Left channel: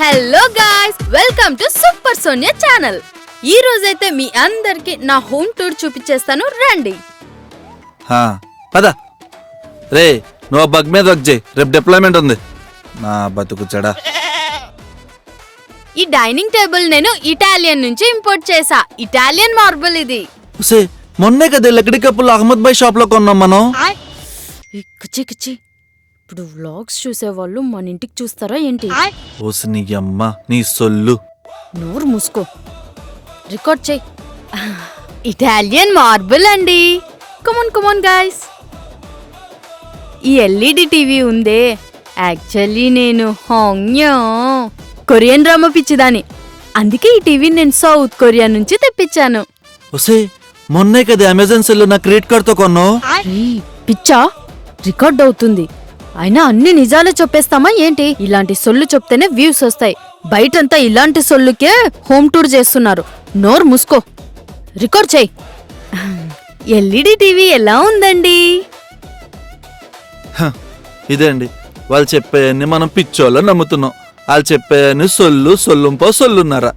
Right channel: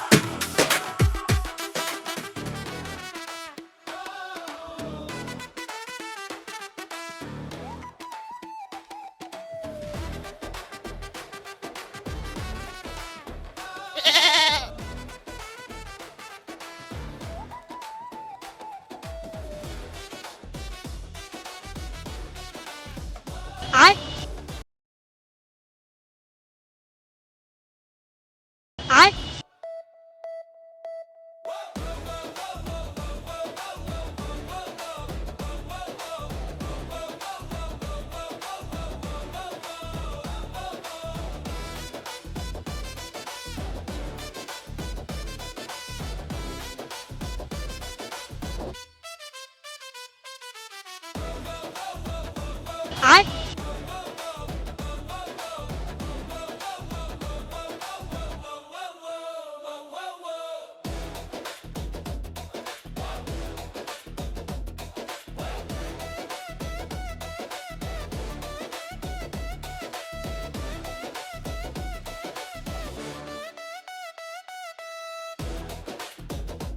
Hello guys, welcome to super Sonia channel. ఈ రోజైతే మీ అందరికి నా హోమ్ టూర్ చూపించేస్తాను, రండి. పద రే, నువ్వు బగ్ మీద వర్క్ చేయి, రేపు డిప్లాయ్మెంట్ ఉంది. నా బతుకు చెడా. ఈ డైనింగ్ టేబుల్ నేను ఇటాలియన్ నుంచి ఇంపోర్ట్ చేసా. ఇటాలియన్ మార్బుల్ ఇది. మొన్నే కదా లక్కడి కప్పులు అహ్మద్ భాయ్ షాప్ లో కొన్నాం మనం. కుచ్చి కుచ్చి, ఇప్పుడు వ్లాగ్స్ చూసేవాళ్ళు మన ఇంటికి చూస్తారా ఏంటి? ఓసి నీ అమ్మ నీ సొల్లు. నోరు మూసుకో, రికార్డ్ చేయి. ఇటాలియన్ మార్బుల్ అండి. కమాన్ కమాన్ గాయ్స్. ఈ ఎల్ఈడి టీవీ ఉందే, యాక్చువల్లీ నేను కొరియన్ డ్రామా పిచ్చిదాని. అందుకే ఈ టీవీ నేను సౌత్ కొరియా నుంచి తెప్పించాను. మొన్నే కదా అమెజాన్ సెల్ నా క్రెడిట్ కార్డ్ తో కొన్నావు. పిచ్చా, రికార్డ్ అవుతుంది. అయినా అన్ని నిజాలే చెప్పేస్తామా ఏంటి? ఇలాంటి సొల్లు చెప్తేనే వ్యూస్ వస్తాయి. బయటంతా ఇలాంటి సొల్లుకే హోమ్ టూర్ చేస్తున్నారు. నోరు మూసుకో, రికార్డ్ చేయి. ఎల్ఈడి టీవీ ఎలా ఉందండి? ఇదే అండి, వాళ్ళు చెప్పేయన్ని మనం పిచ్చోళ్ళని నమ్ముతున్నాం. వాళ్ళు చెప్పేయన్ని సొల్లుంపో సొల్లున్నారా.